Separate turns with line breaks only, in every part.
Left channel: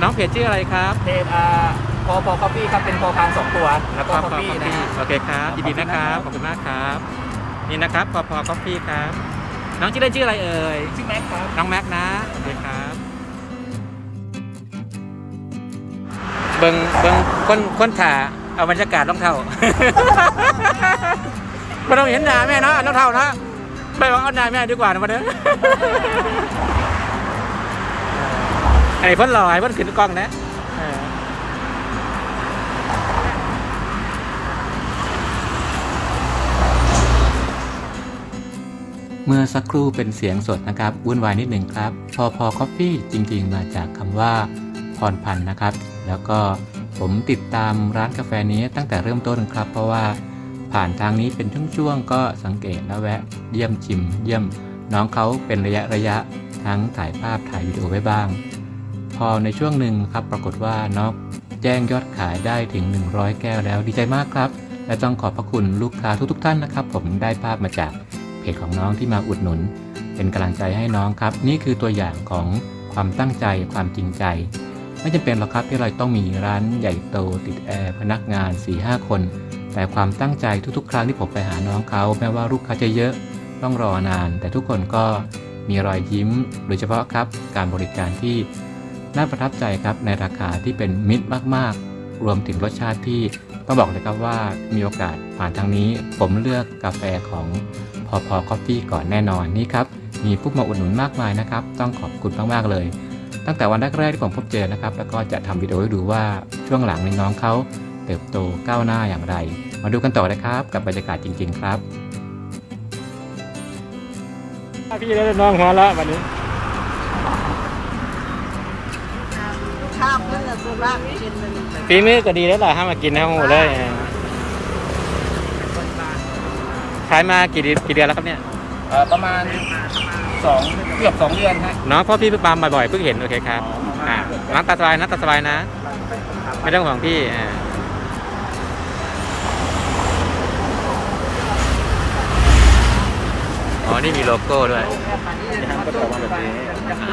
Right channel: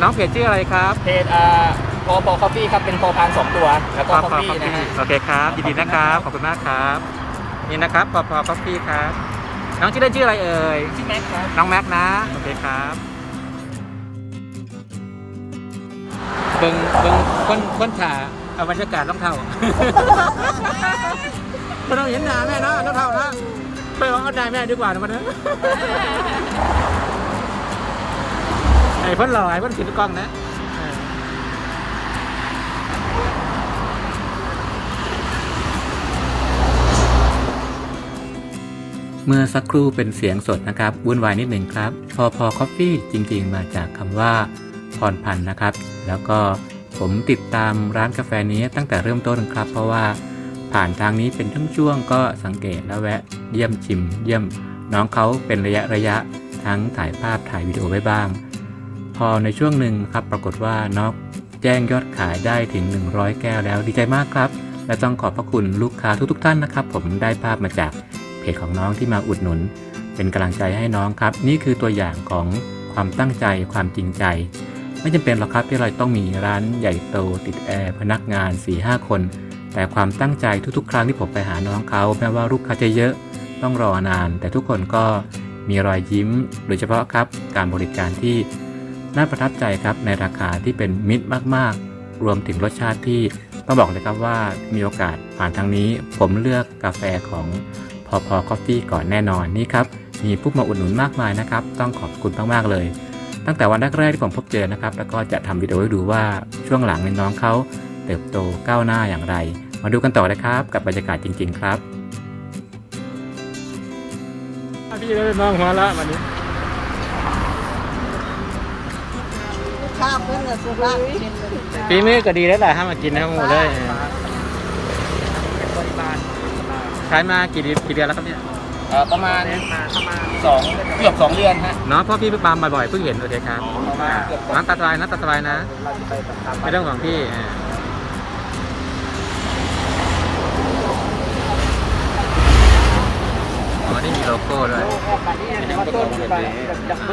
น้องเพจชื่ออะไรครับ
เพจอ่าพอพอคอฟฟี่ครับเป็นพอพานสองตัว แล้วก็คอฟฟี่นะฮะ
โอเคครับ
ขอบ
ยิน
คุณ
ดีนะครับ
นะครับ
ขอบคุณมากครับ นี่นะครับพอพอคอฟฟี่ครับ น้องชื่อเล่นชื่ออะไรเอ่ย
ชื่อแม็กครับ
น้องแม็กนะ โอเคครับ เบิงเบิงคนคนถ่าเอาบรรยากาศรองเท้าไม่ต้องเห็นหน้าแม่เนาะรองเท้านะไปเอาเอาหน้าแม่ดีกว่านะมาเด้อไอ้เพ่นหล่อไอ้เพ่นขึ้นกล้องนะเออเมื่อสักครู่เป็นเสียงสดนะครับวุ่นวายนิดหนึ่งครับ พอพอคอฟฟี่จริงๆ มาจากคำว่าพรพันธ์นะครับ แล้วก็ผมติดตามร้านกาแฟนี้ตั้งแต่เริ่มต้นครับ เพราะว่าผ่านทางนี้เป็นช่วงๆก็สังเกตแล้วแวะเยี่ยมชิม เยี่ยมน้องเขาเป็นระยะระยะทั้งถ่ายภาพถ่ายวิดีโอไว้บ้าง พอในช่วงหนึ่งครับปรากฏว่าน้องแจ้งยอดขายได้ถึง 100 แก้วแล้วดีใจมากครับ และต้องขอบพระคุณลูกค้าทุกๆท่านนะครับ ผมได้ภาพมาจากเพจของน้องที่มาอุดหนุน เป็นกำลังใจให้น้องครับ นี่คือตัวอย่างของความตั้งใจความจริงใจ ไม่จำเป็นหรอกครับที่เราต้องมีร้านใหญ่โตติดแอร์พนักงาน4-5คน แต่ความตั้งใจทุกๆ ครั้งที่ผมไปหาน้องเขาแม้ว่าลูกค้าจะเยอะต้องรอนาน แต่ทุกคนก็มีรอยยิ้ม โดยเฉพาะครับการบริการที่ น่าประทับใจครับในราคาที่เป็นมิตรมากๆ รวมถึงรสชาติที่ต้องบอกเลยครับว่ามีโอกาสผ่านทางนี้ ผมเลือกกาแฟของพอพอคอฟฟี่ก่อนแน่นอนนี่ครับ มีผู้มาอุดหนุนมากมายนะครับ ต้องขอบคุณมากๆเลย ตั้งแต่วันแรกๆที่ผมพบเจอนะครับ แล้วก็จะทำวิดีโอให้ดูว่าช่วงหลังน้องเขาเติบโตก้าวหน้าอย่างไร มาดูกันต่อเลยครับ กับบรรยากาศจริง ๆ ครับพี่และน้องหัวละวันนี้ ฝีมือก็ดีแล้วแหละห้ามมากินทั้งหมดเลยขายมากี่เดือนกี่เดือนแล้วครับเนี่ย
เอ่อประมาณสองเกือบสองเดือนฮะ
เนาะเพราะพี่เพิ่งปาล์มบ่อยๆเพิ่งเห็นโอเคครับ
อ๋ออ่
อ่าร้านตาสบายนะตาสบายนะ ไม่ต้องห่วงพี่อ่าอ๋อ นี่มีโลโก้ด้วย
นะครับก็จะออกมาแบบนี้
อ๋อ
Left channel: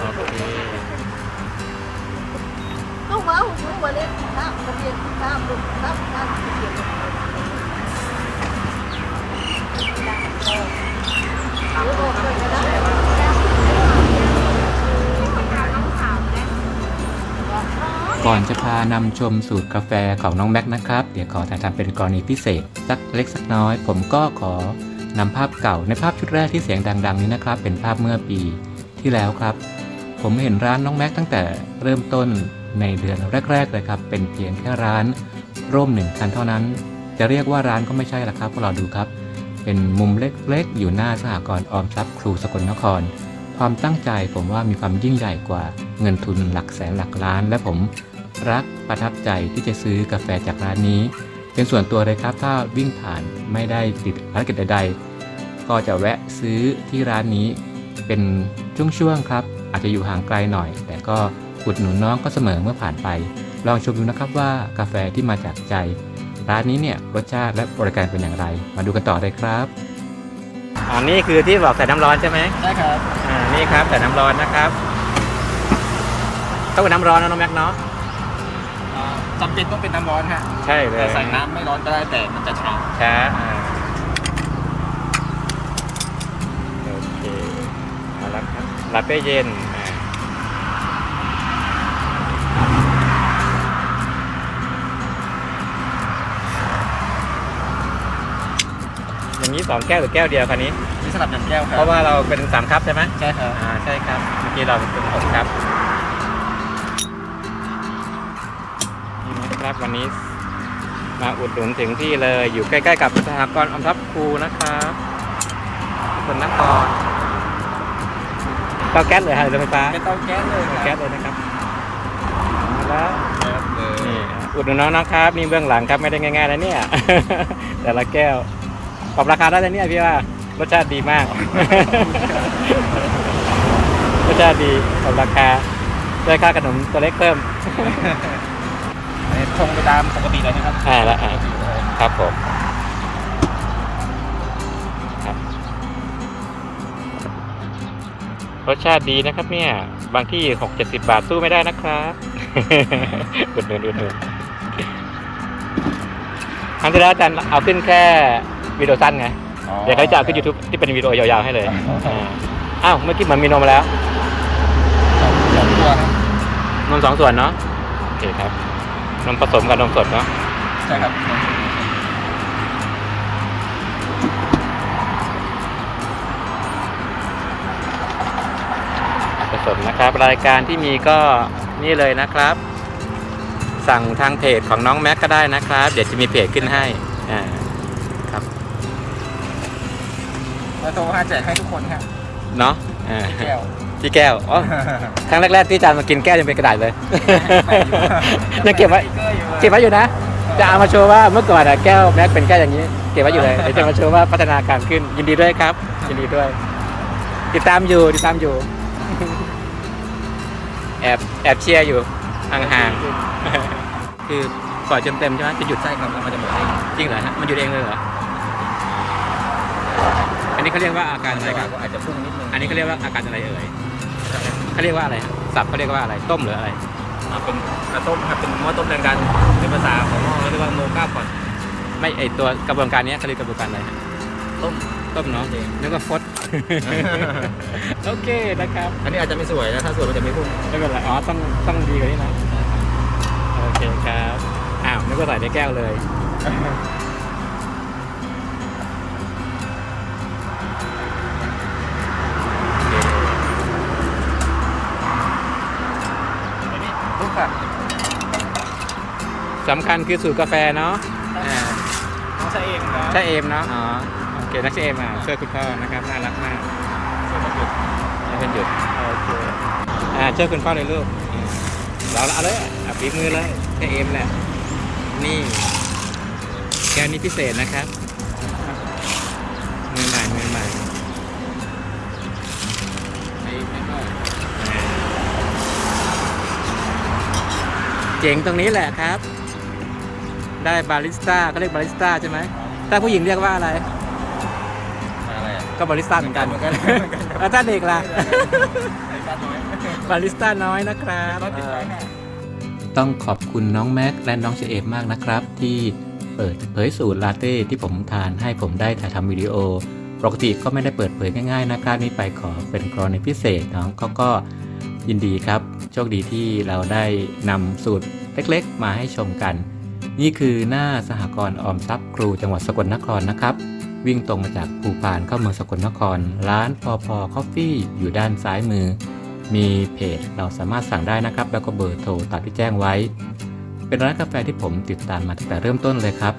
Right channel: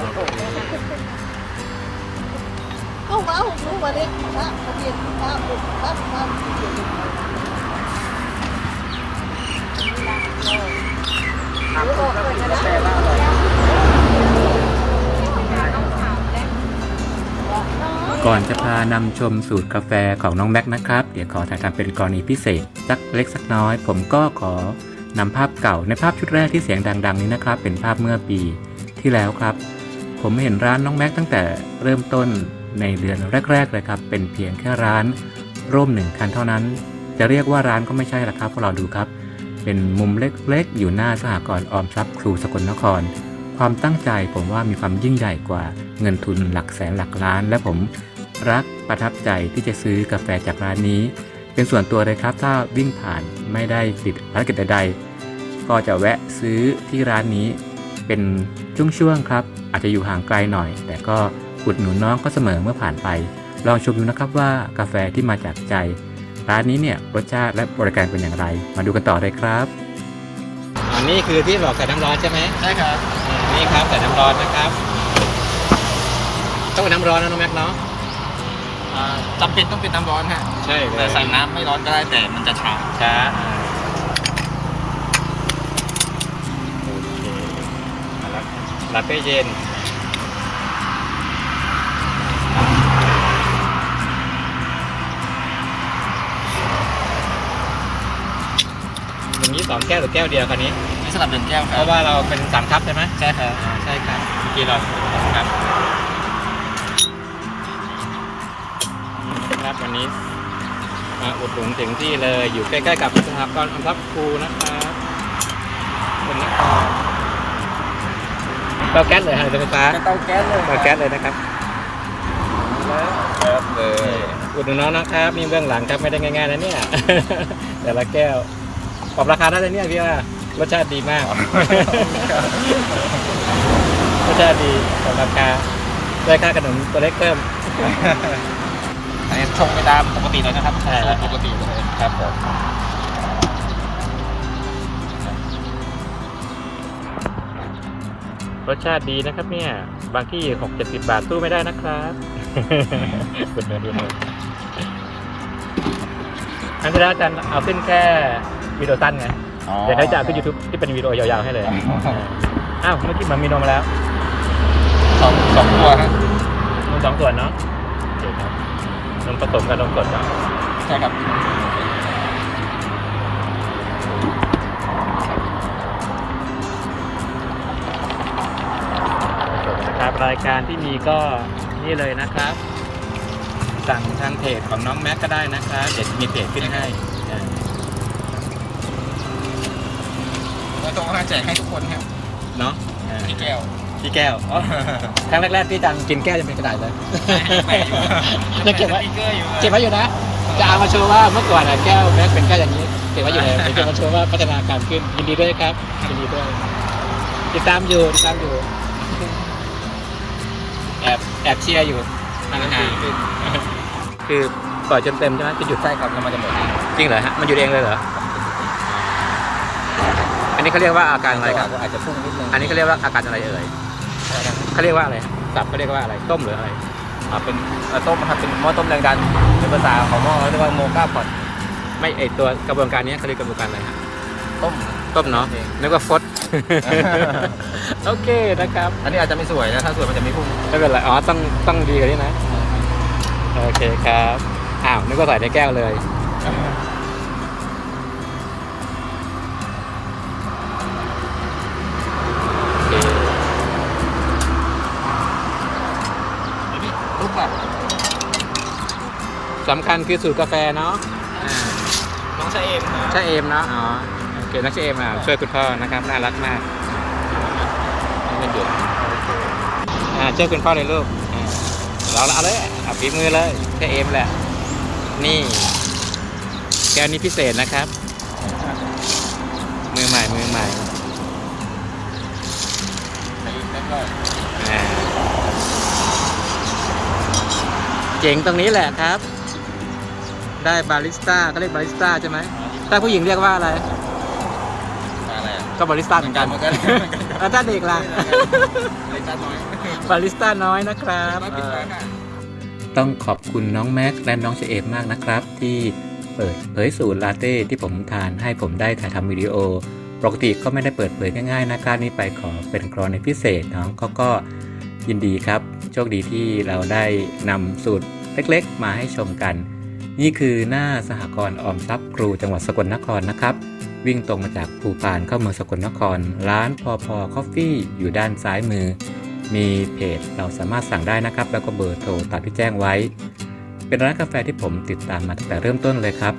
โอเค
ก่
อนจะพานำชมสูตรกาแฟของน้องแม็กนะครับ เดี๋ยวขอถ่ายทำเป็นกรณีพิเศษ สักเล็กสักน้อย ผมก็ขอนำภาพเก่าในภาพชุดแรกที่เสียงดัง ๆ นี้นะครับ เป็นภาพเมื่อปีที่แล้วครับ ผมเห็นร้านน้องแม็กตั้งแต่เริ่มต้น ในเดือนแรกๆเลยครับ เป็นเพียงแค่ร้านร่มหนึ่งคันเท่านั้น จะเรียกว่าร้านก็ไม่ใช่ละครับพวกเราดูครับ เป็นมุมเล็กๆ อยู่หน้าสหกรณ์ออมทรัพย์ครูสกลนคร ความตั้งใจผมว่ามีความยิ่งใหญ่กว่าเงินทุนหลักแสนหลักล้าน และผมรักประทับใจที่จะซื้อกาแฟจากร้านนี้ เป็นส่วนตัวเลยครับ ถ้าวิ่งผ่านไม่ได้ติดภารกิจใดๆ ก็จะแวะซื้อที่ร้านนี้เป็นช่วงๆครับ อาจจะอยู่ห่างไกลหน่อย แต่ก็ อุดหนุนน้องก็เสมอเมื่อผ่านไป ลองชมดูนะครับว่ากาแฟที่มาจากใจ ร้านนี้เนี่ยรสชาติและบริการเป็นอย่างไร มาดูกันต่อเลยครับอ๋อนี่คือที่บอกใส่น้ำร้อนใช่ไหม
ได้ครับ
อ่านี่ครับใส่น้ำร้อนนะครับต้องเป็นน้ำร้อนนะน้องแม็กเนาะ
อ่าจำเป็นต้องเป็นน้ำร้อนฮะ
ใช่เลย
แต่ใส่น้ำไม่ร้อนก็ได้แต่มันจะชา
ช้าอ่าโอเคเอาละครับลาเต้เย็น อ่าอย่างนี้สองแก้วหรือแก้วเดียวคันนี้
นี่สลับหนึ่งแก้วครั
เพ
บ
ราะว่าเราเป็นสามคัพใช่ไหม
ใช่ครับ
อ่าใช่ครับเมื่อกี้เราเป็นหกครับนี่นะครับวันนี้มาอุดหนุนถึงที่เลยอยู่ใกล้ๆกับสหกรณ์ออมทรัพย์ครูนะครับสกลนครเตาแก๊สเลยฮะหรือเตาไฟฟ้า
เป็นเตาแก๊สเลย
เตาแก๊สเลยนะครับเอาละ
ครับเล
นี่
ย
อุดหนุนน้องนะครับ มีเบื้องหลังครับไม่ได้ง่ายๆนะเนี่ย แต่ละแก้ว ปรับราคาได้เลยเนี่ยพี่ว่ารสชาติดีมาก รสชาติดีปรับราคาได้ค่าขนมตัวเล็กเพิ่ม
อันนี้ชงไปตามปกติเลยนะครับ
อ่าแล้ว
ปกติเลย
ครับผมครับร
รสชาติดีนะครับเนี่ย บางที่หกเจ็ดสิบาทสู้ไม่ได้นะครับอุดหนุนอุดหนุนครั้งที่แล้วอาจารย์เอาขึ้นแค่ วิดีโอสั้นไงเดี๋ยวเขาจะเอาขึ้นยูทูบที่เป็นวิดีโอยาวๆให้เลย
อ๋อ
เอออ้าวเมื่อกี้เหมือนมีนมมาแล้ว
สองสองตัวฮะ
นมสองส่วนเนาะโอเคครับนมผสมกับนมสดเนาะ
ใช่ครับ
ผสมนะครับ รายการที่มีก็นี่เลยนะครับ สั่งทางเพจของน้องแม็กก็ได้นะครับ เดี๋ยวจะมีเพจขึ้นให้
โทรห้าแจกให้ทุกคนครับ
เนาะอ่า
พี่แก้ว
พี่แก้วอ๋อครั้งแรกๆที่อาจารย์มากินแก้วยังเป็นกระดาษเลยยังเก็บไว้
สติ๊กเกอร์อยู่เลย
เก็บไว้อยู่นะ จะเอามาโชว์ว่าเมื่อก่อนอะแก้วแม็กเป็นแก้วอย่างนี้ เก็บไว้อยู่เลยเดี๋ยวจะมาโชว์ว่าพัฒนาการขึ้นยินดีด้วยครับยินดีด้วย ติดตามอยู่ติดตามอยู่ แอบแอบเชียร์อยู่ห่างๆคือปล่อยจนเต็มใช่ไหมจะหยุด
ใช่ครับเอามาจะหมดเอง
จริงเหรอฮะมันหยุดเองเลยเหรออ๋อ อันนี้เขาเรียกว่าอาการอะไรครับ
อาจจะพุ่งนิดนึง
อันนี้เขาเรียกว่าอาการอะไรเอ่ยเขาเรียกว่าอะไรฮะสับเขาเรียกว่าอะไรต้มหรืออะไร
อ่าเป็นกระต้มครับเป็นหม้อต้มแรงดันเป็นภาษาของหม้อเรียกว่าโมกาพอต
ไม่ไอตัวกระบวนการนี้เขาเรียกกระบวนการอะไรฮะ
ต้ม
ต้มเนาะนึกว่าฟด โอเคนะครับ
อันนี้อาจจะไม่สวยนะถ้าสวยมันจะไม่พุ่ง
ไม่เป็นไรอ๋อต้องต้องดีกว่านี้นะ โอเคครับ อ้าว นึกว่าใส่ในแก้วเลย สำคัญคือสูตรกาแฟเนาะอ่า
น้องชายเอมครับ
ใช่เอมเนาะอ๋อโอเคนักเชเอมอะช่วยคุณพ่อนะครับน่ารักมากให้เพื่อนหยุดโอเคอ่าช่วยคุณพ่อเลยลูกอ่าเราเอาเลยอะฝีมือเลยใช่เอมแหละ นี่ แก้วนี้พิเศษนะครับ มือใหม่มือใหม่
ไอ้นั่นก็
อ่าเจ๋งตรงนี้แหละครับ ได้บาริสต้าเขาเรียกบาริสต้าใช่ไหมถ้าผู้หญิงเรียกว่าอะไร
มาอะไรอะ
ก็บาริสต้าเหมือนกัน
เหมือนกันเหมือนกันครับ
แล้วถ้าเด็กล่ะ
เล็กน้อย
บาริสต้าน้อยนะครับ
ร้อยปิดไว้ค่ะ
ต้องขอบคุณน้องแม็กและน้องเชเอมมากนะครับ ที่เปิดเผยสูตรลาเต้ที่ผมทานให้ผมได้ถ่ายทำวิดีโอปกติก็ไม่ได้เปิดเผยง่ายๆนะครับนี่ไปขอเป็นกรณีพิเศษน้องเขาก็ยินดีครับ โชคดีที่เราได้นำสูตรเล็กๆ มาให้ชมกัน นี่คือหน้าสหกรณ์ออมทรัพย์ครูจังหวัดสกลนครนะครับ วิ่งตรงมาจากภูพานเข้าเมืองสกลนคร ร้านพอพอคอฟฟี่อยู่ด้านซ้ายมือ มีเพจเราสามารถสั่งได้นะครับ แล้วก็เบอร์โทรตามที่แจ้งไว้ เป็นร้านกาแฟที่ผมติดตามมาตั้งแต่เริ่มต้นเลยครับ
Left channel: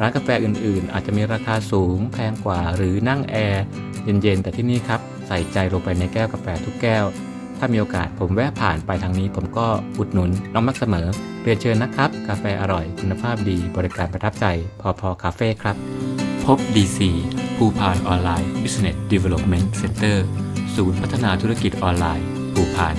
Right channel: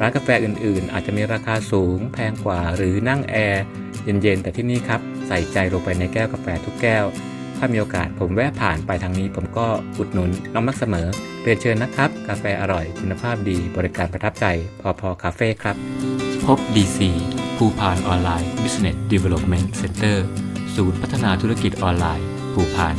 ร้านกาแฟอื่นๆ อาจจะมีราคาสูงแพงกว่าหรือนั่งแอร์เย็นๆแต่ที่นี่ครับใส่ใจลงไปในแก้วกาแฟทุกแก้ว ถ้ามีโอกาสผมแวะผ่านไปทางนี้ ผมก็อุดหนุนน้องมักเสมอเรียนเชิญนะครับ กาแฟอร่อย คุณภาพดีบริการประทับใจ พอพอคาเฟ่ครับ พบ DC ภูพานออนไลน์ Business Development Center ศูนย์พัฒนาธุรกิจออนไลน์ ภูพาน